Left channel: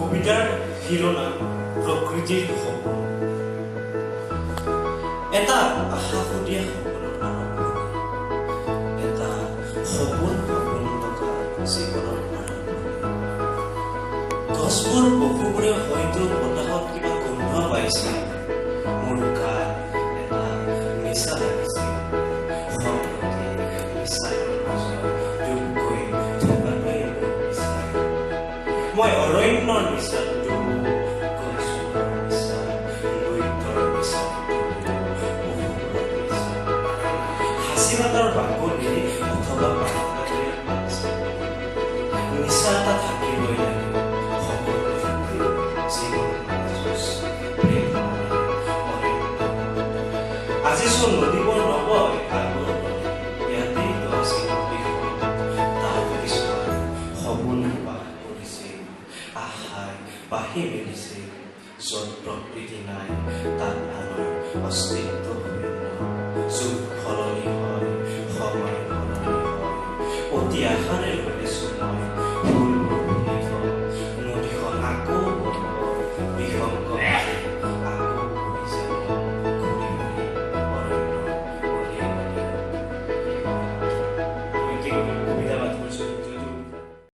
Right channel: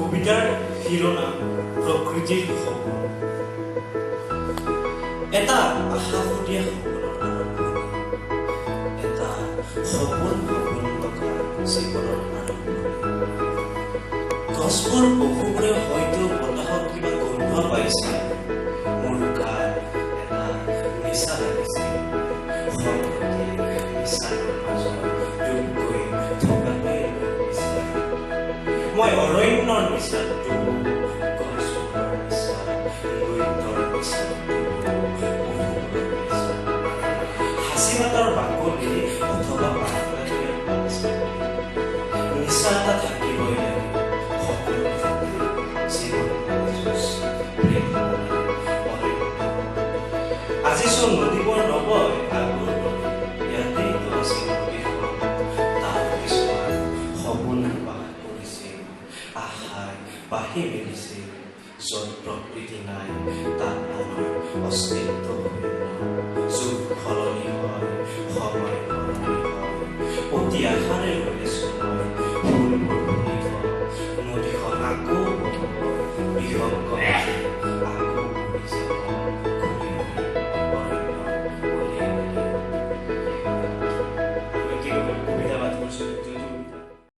কবিতাৰ শিৰোনাম প্ৰকৃতিৰ সপোন। এটা আশাসুদীয়া সপোনৰ আৰম্ভণি, এটা সপোন থকা জীৱনৰ আৰম্ভণি। গছবোৰ পশুবোৰে হয়তো বতাহত কিবা গোন্ধ পাইছিল, মোৰ গাত এটা নিচা লাগিছিল। সম্প্ৰতি নিচাৰ মাজত ডুব গৈ থকাটোৱেই মোৰ নিচা। মই অৰণ্যৰ নিচাত ডুবো, গছবোৰৰ নিচা, নৃত্যৰ নিচাত ডুবো, পশুবোৰৰ নিচা। সাঁচিপাতৰ বাকলি অথবা পাতলাৰ বাগিচা, নিচা এটা থাকিবই লাগে। সকলো থাকিব জীৱন যুঁজ, প্ৰেম অৰণ্য। আজিচোন নদীবোৰ নবয় আগৰ দৰে, ইয়াতেইতো আছিল নদীখন। তাত কিছুমান সপোন বাস কৰিছিল, আশাই বাঢ়ি মেলিছিল। য'ত প্ৰকৃতি নাই তাত আমাৰ অস্তিত্ব শূন্য। যুগ সলনি হয়, সময় সলনি হয়, অতি আশাৰে ৰৈছো মই